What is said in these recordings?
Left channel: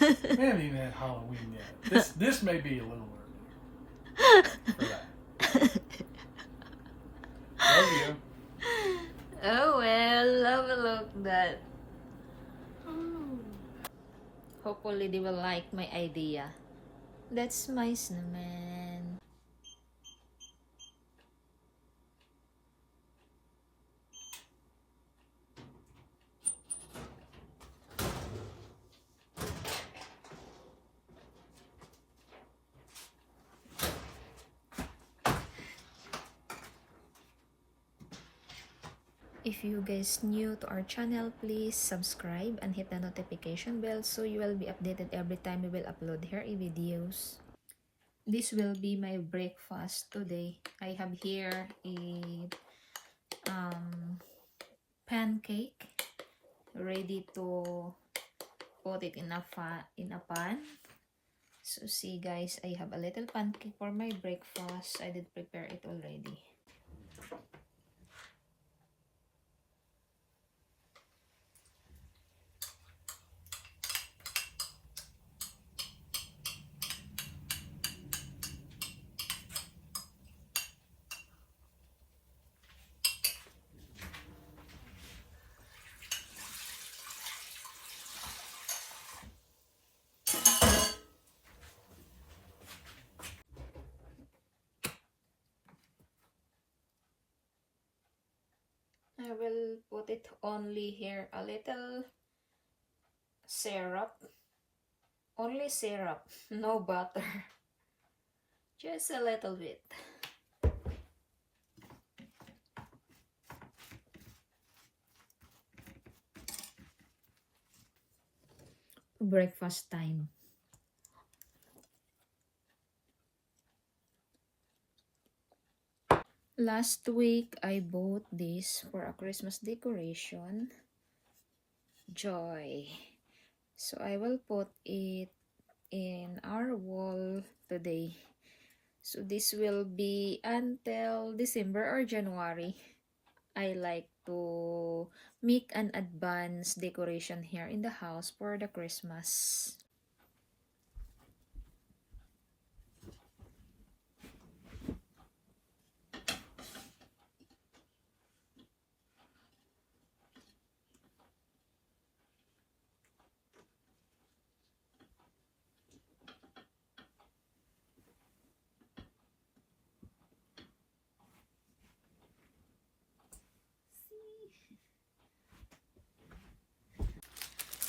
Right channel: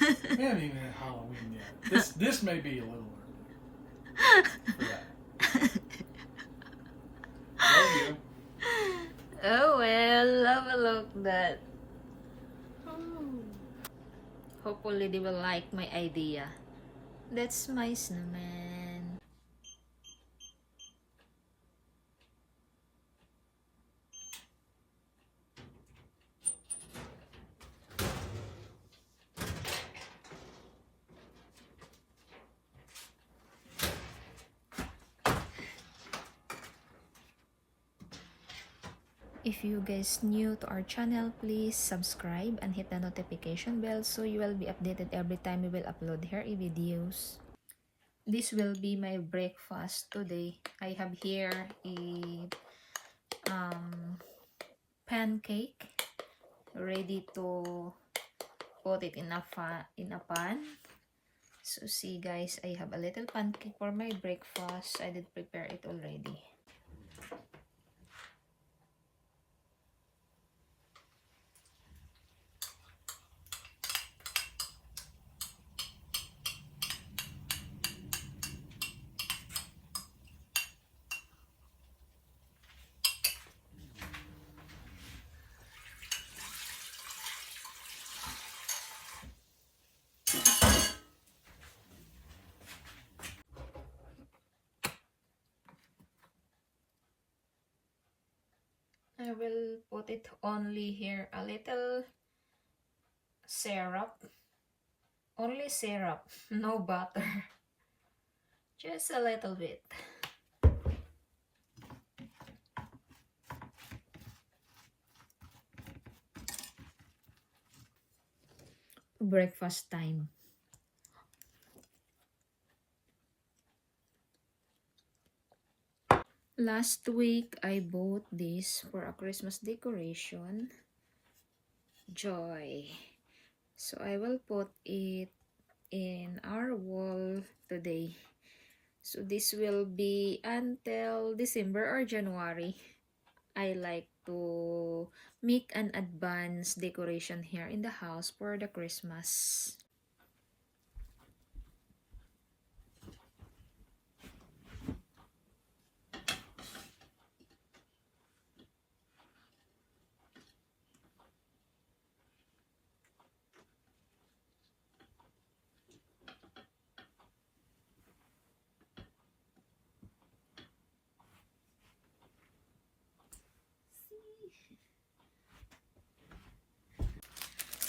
We haven't even had Halloween yet. This may be a little early for that. There you go. Oh well, have a look that. Hopefully they will like my idea. That's my snowman. If you guys new to our channel, please subscribe and hit the notification bell so you will be updated every time we will upload here videos. This will be my breakfast today. I have here a pancake ready to put it in a pan. So see guys, I have a little pancake for my breakfast. I did prepare it already. I will put it only here a little syrup. Only syrup, no butter. Just a little bit. Breakfast time. Last week, I bought this for a Christmas decoration. Joy. So I will put it in our wall today. So this will be until December or January. I like to make an advance decoration here in the house for the Christmas.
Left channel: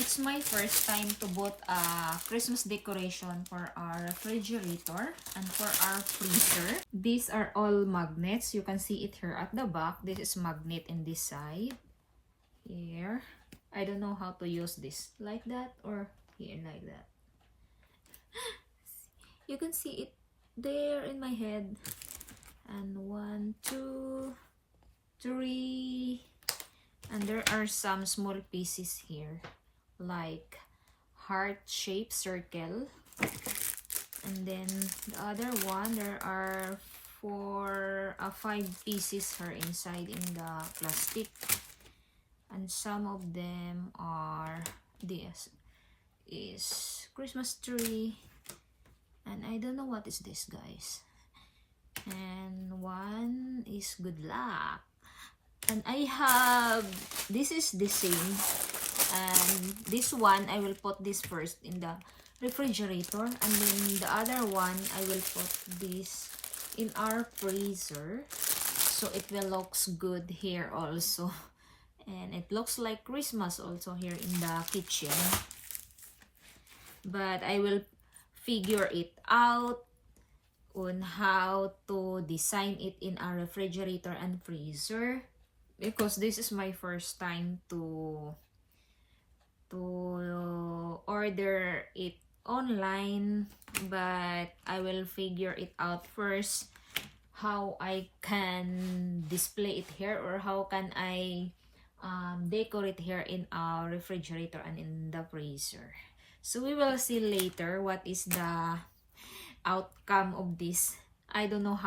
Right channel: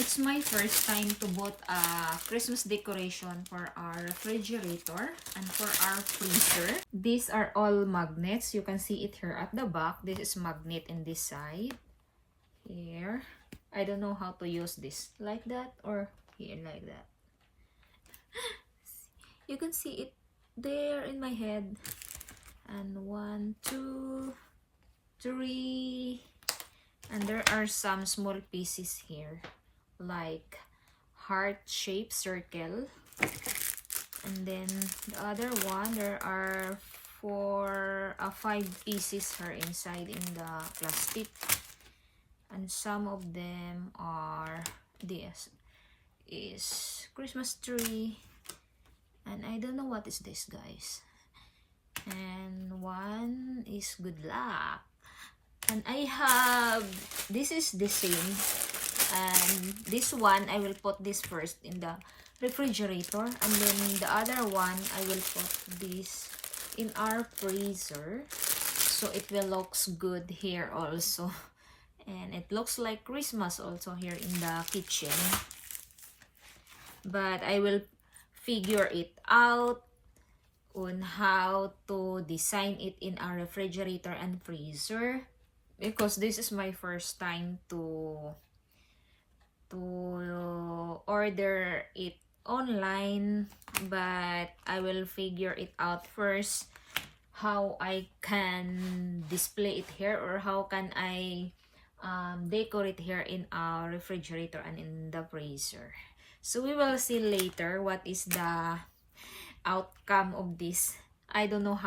It's my first time to bought a Christmas decoration for our refrigerator and for our freezer. These are all magnets. You can see it here at the back. This is magnet in this side. Here. I don't know how to use this. Like that or here like that. You can see it there in my head. And 1, 2, 3. And there are some small pieces here. Like heart-shaped circle, and then the other one, there are 5 pieces here inside in the plastic, and some of them are this is Christmas tree, and I don't know what is this guys, and one is good luck, and I have this is the same. And this one, I will put this first in the refrigerator. And then the other one, I will put this in our freezer. So it will looks good here also. And it looks like Christmas also here in the kitchen. But I will figure it out on how to design it in our refrigerator and freezer. Because this is my first time to order it online, but I will figure it out first how I can display it here or how can I decorate here in our refrigerator and in the freezer. So we will see later what is the outcome of this. I don't know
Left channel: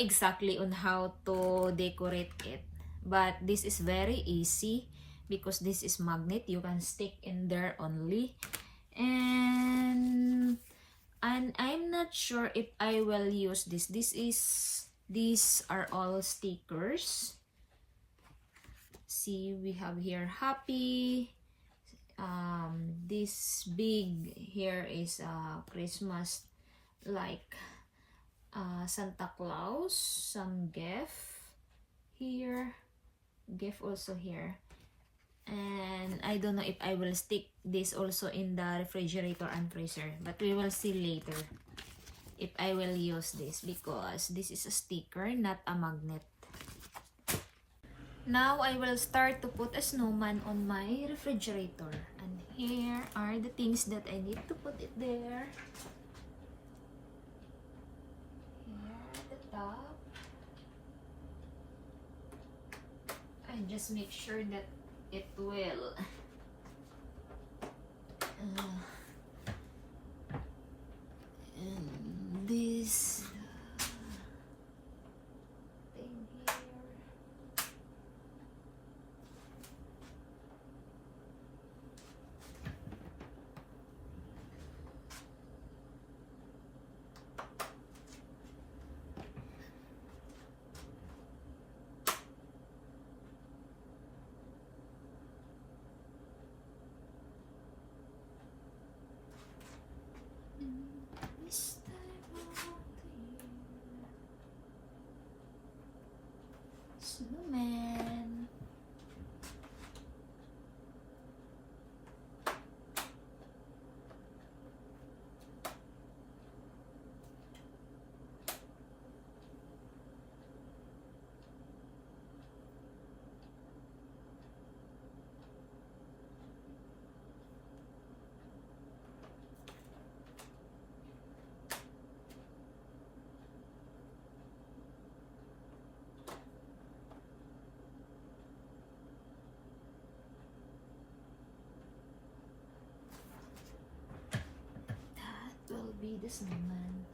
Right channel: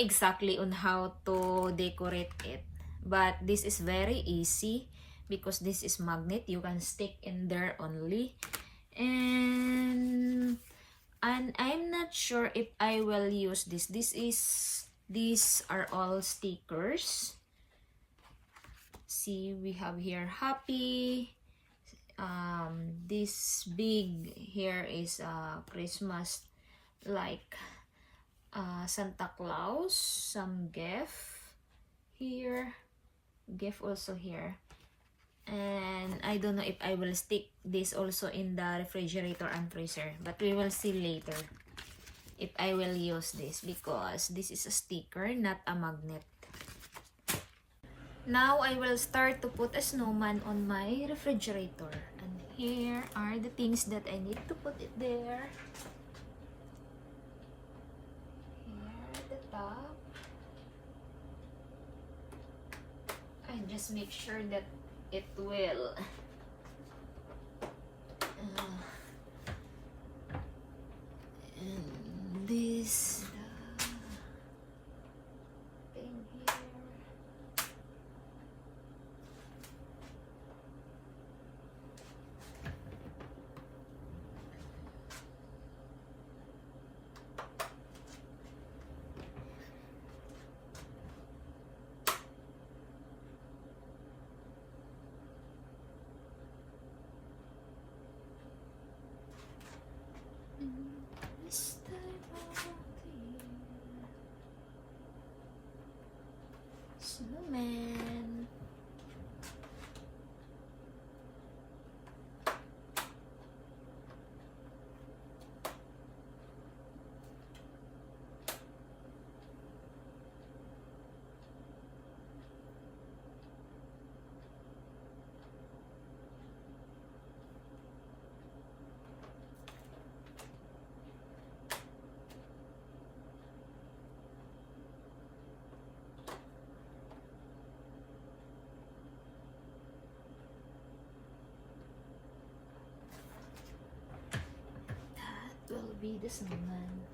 exactly on how to decorate it, but this is very easy because this is magnet. You can stick in there only. And I'm not sure if I will use this. These are all stickers. See, we have here happy. This big here is Christmas, like Santa Claus, some gift here, gift also here. And I don't know if I will stick this also in the refrigerator and freezer, but we will see later if I will use this, because this is a sticker, not a magnet. Now I will start to put a snowman on my refrigerator, and here are the things that I need to put it there. Here at the top, and just make sure that it will and this thing here. This time of the year. Snowman. Will be the snowman.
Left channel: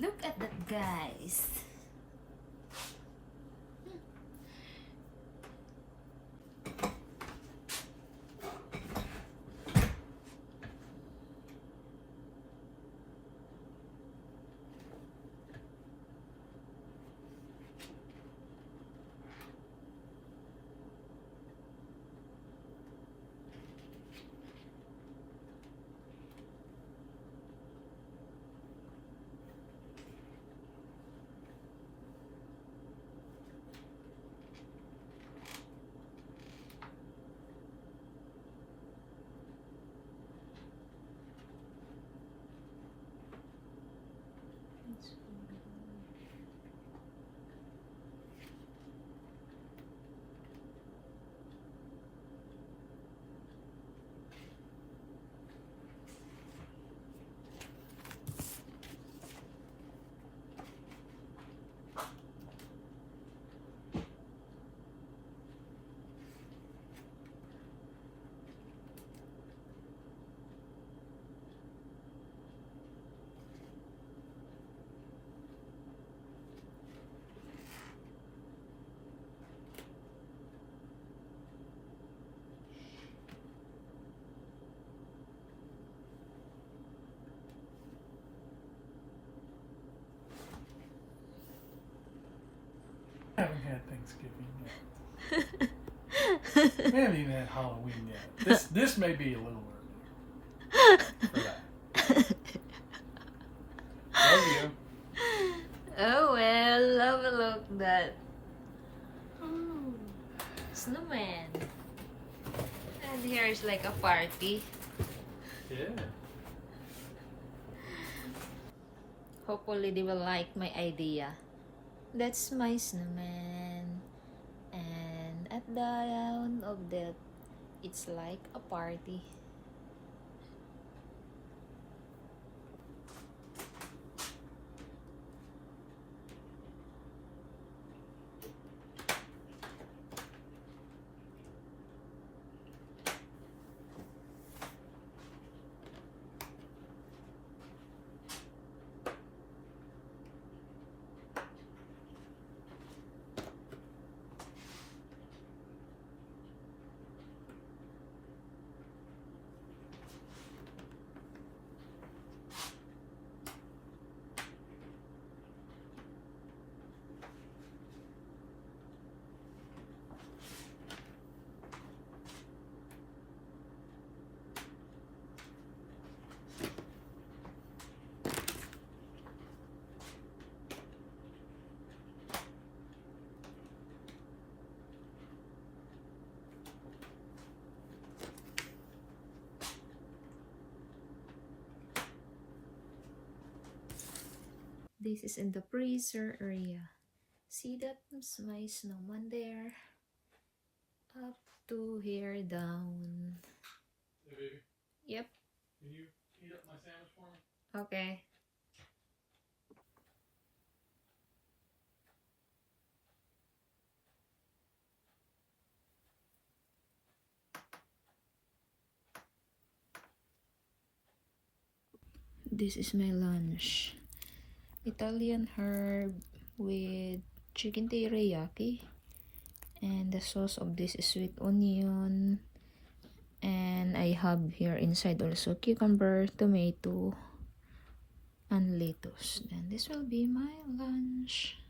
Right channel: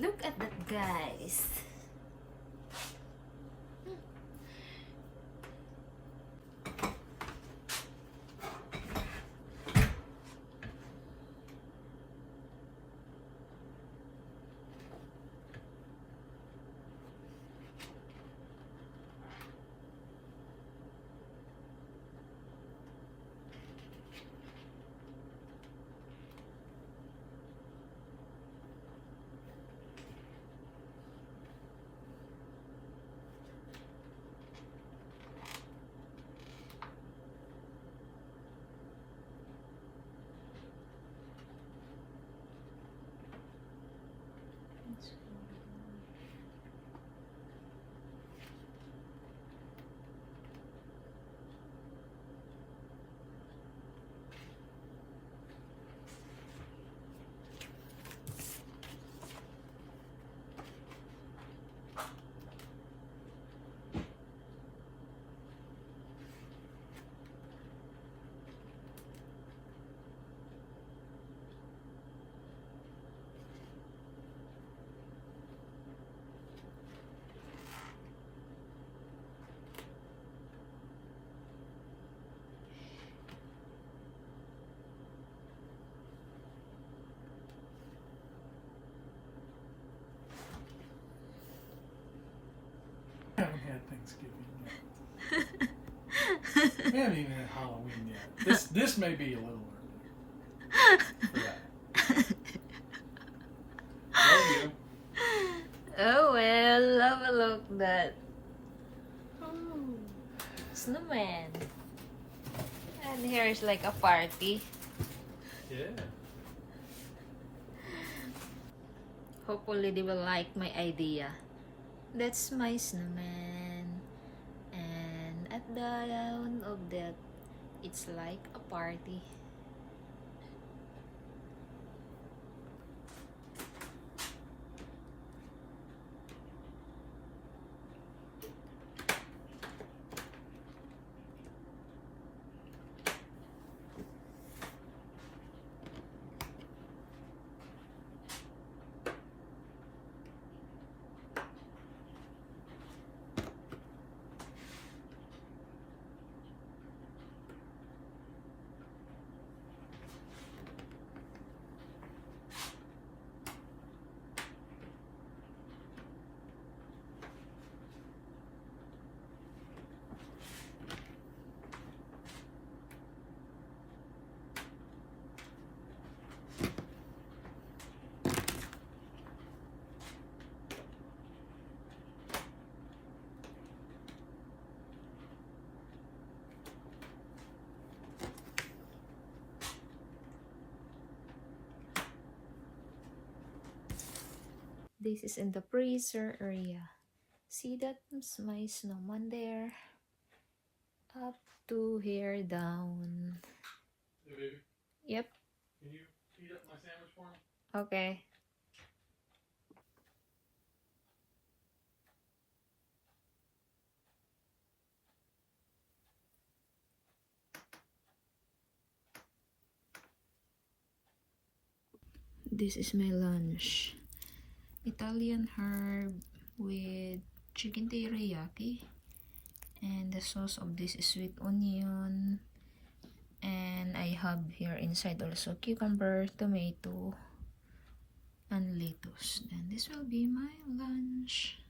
Look at that, guys. I haven't had Thanksgiving yet. We haven't even had Halloween yet. This may be a little early for that. There you go. Oh Look that. Ooh, snowman. And here is like a party. Yeah. Hopefully they will like my idea. That's my snowman. And at the end of that, it's like a party. This is in the freezer area. See, that's my snowman there. Up to here down. Hey, baby. Yep. Can you heat up my sandwich for me? Okay. This is my lunch. Italian herb with chicken teriyaki. And the sauce of this is sweet onion. And I have here inside also cucumber, tomato, and lettuce. And this will be my lunch.